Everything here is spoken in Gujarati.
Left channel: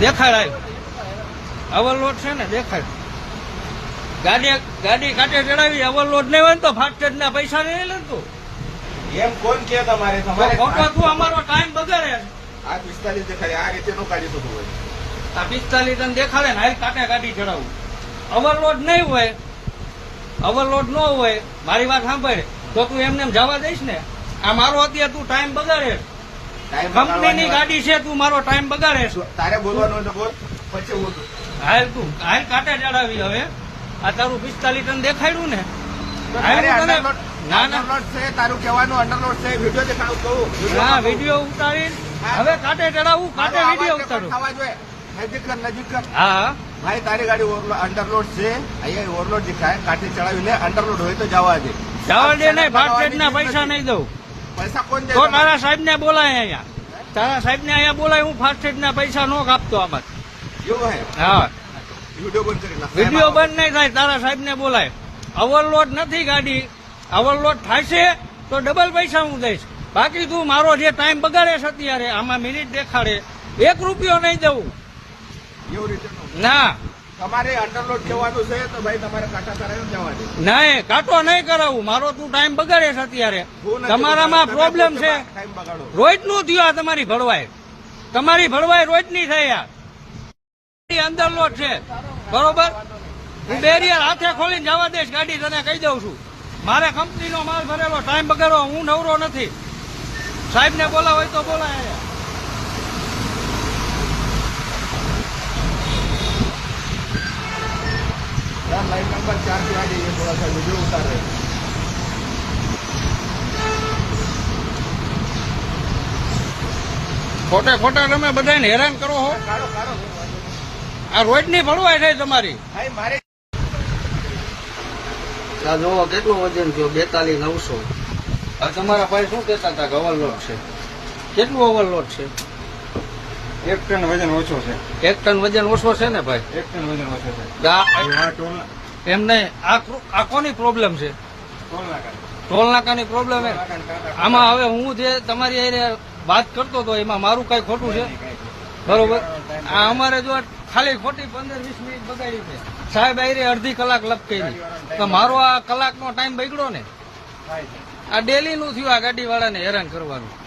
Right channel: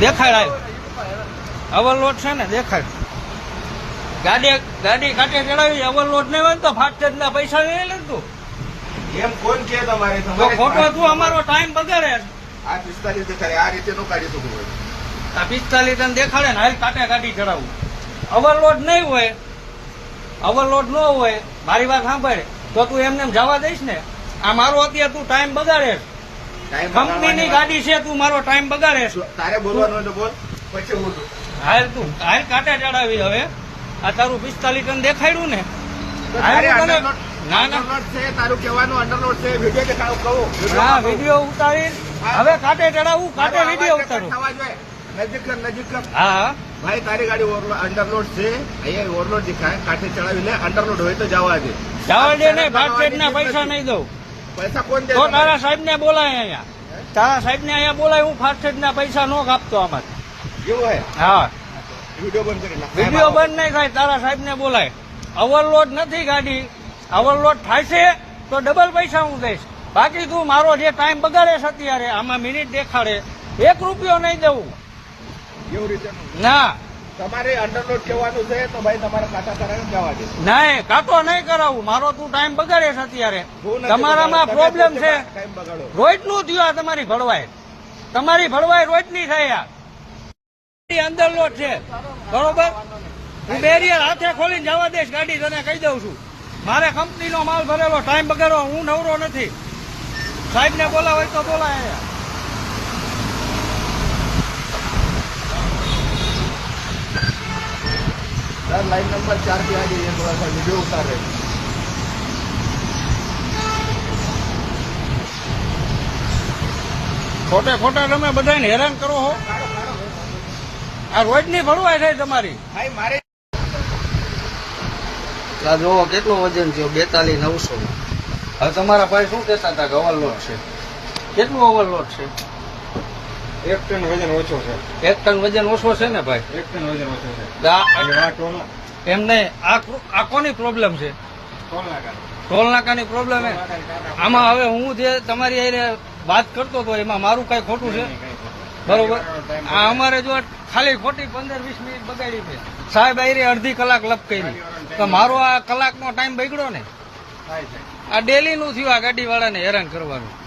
દેખાડ ઓવરલોડ છે ને દેખાડ ગાડી કાંટે ચડાવી ઓવરલોડ નહીં હોય ને તો ફાસ્ટેગ ના પૈસા નહીં ને તું એમ કોણ કે તમારે ખોટો તું અમારો ટાઈમ બગાડે આ 45 દેખાડે આ રીતે નો કાઢી શકું હોય આ 45 તને દેખાડે ને હાલ કાંટે ગાડી ચડાવું ઓવરલોડ નહીં હોય ઓવરલોડ ન હોય મારી વાત સાંભળે તો તું એમને જવા દઈશ ને આ મારો અત્યારે તું ટાઈમ બગાડે કંપનીની ગાડી છે તું મારો ટાઈમ બગાડે તારે બોલવાનું બોલ પછી હું હાલ તું હાલ કાંટે ચડાવી હવે આ તારું 45 ટન દેખાડ્યું ને ના ના તારું કહેવાનું અંડરલોડ છે વિડીયો દેખાડું કહું ના વિડીયો ઉતારી હવે કાંટે ચડાવું કાંટે વિડીયો ઉતારું નજીક હા ભાઈ તારી ગાડી અંડરલોડ છે અહીંયા ઓવરલોડ દેખાય કાંટે ચડાવી લે અંડરલોડ હોય તો જવા દે જવા દે નહીં ફાસ્ટેગ ના પૈસા નહીં દઉં પૈસા કોણ દે તો તારા સાહેબ ને બોલાય અહીંયા તારા સાહેબ ને અહીંયા બોલાય હું ફાસ્ટેગ ના પૈસા નો કાપતો આમાં એવું હે હા વિડીયો બંધ કરી નાખ વિડીયો બંધ નહીં થાય તારા સાહેબ ને બોલાય ઓવરલોડ નથી ગાડી ઓવરલોડ થાય છે તો ડબલ પૈસા હું દઈશ બાકી તું મારો જે ટાઈમ બગાડે છે અત્યારે આમાં મિનિટ દેખાડે 1 રૂપિયો નહીં દઉં એવું રીતે ના તમારે અંડરલોડ જવાનું છે તો ભાઈ તમારે કાંટા કરાવીને જવા દે નહીં કાંટો નહીં કરાવું મારો તું ટાઈમ બગાડે છે અત્યારે તમારામાં પ્રોબ્લેમ છે રોજ નું થયું આ તમારી ભળવાય રોજ ની થાય યાર અંદર લોટ છે બરોબર હું બેરિયર હાથે ખોલીને જવા દઈશ ગાડી તને કહી દઉં છું મારે કંપનીનો માલ ભરેલો ટાઈમ બગાડો હું નવરો નથી સાહેબ ને બોલાવ હોય તો બોલાય लाइन नंबर 4 पे आ जाइए थोड़ा सा वीडियो उतार रहे ખોટા તમે બધાને હેરાન કરો છો આ રોજ ની ભરવાય થાય તમારી ભાઈ મારે આ જોવો કેટલું વજન થયો 42,900 હવે તમારા ભાઈ શું કહેતા હતા કે ઓવરલોડ છે કેટલું ઓવરલોડ છે 1 ટન વજન ઓછો છે 1 ટન વજન ઓછો છે ને ભાઈ 1 ટન વજન ઓછો છે એમ નહીં આ કોની પ્રોબ્લેમ છે ટોલ નાકાની પ્રોબ્લેમ આમાં હવે હું જે તમારી હારે વાત કરતો હતો એમાં મારું કઈ ખોટું છે બરોબર આ અમારે જો ખાલી ખોટી 15-20 મિનિટ બગાડી છે સાહેબ આયરે અડધી કલાક લપ કરી તો મારો આ કલાકનો ટાઈમ બગડ્યો ને આ ડેલી નું થયું આ ગાડી વાળાને હેરાન કરવાનું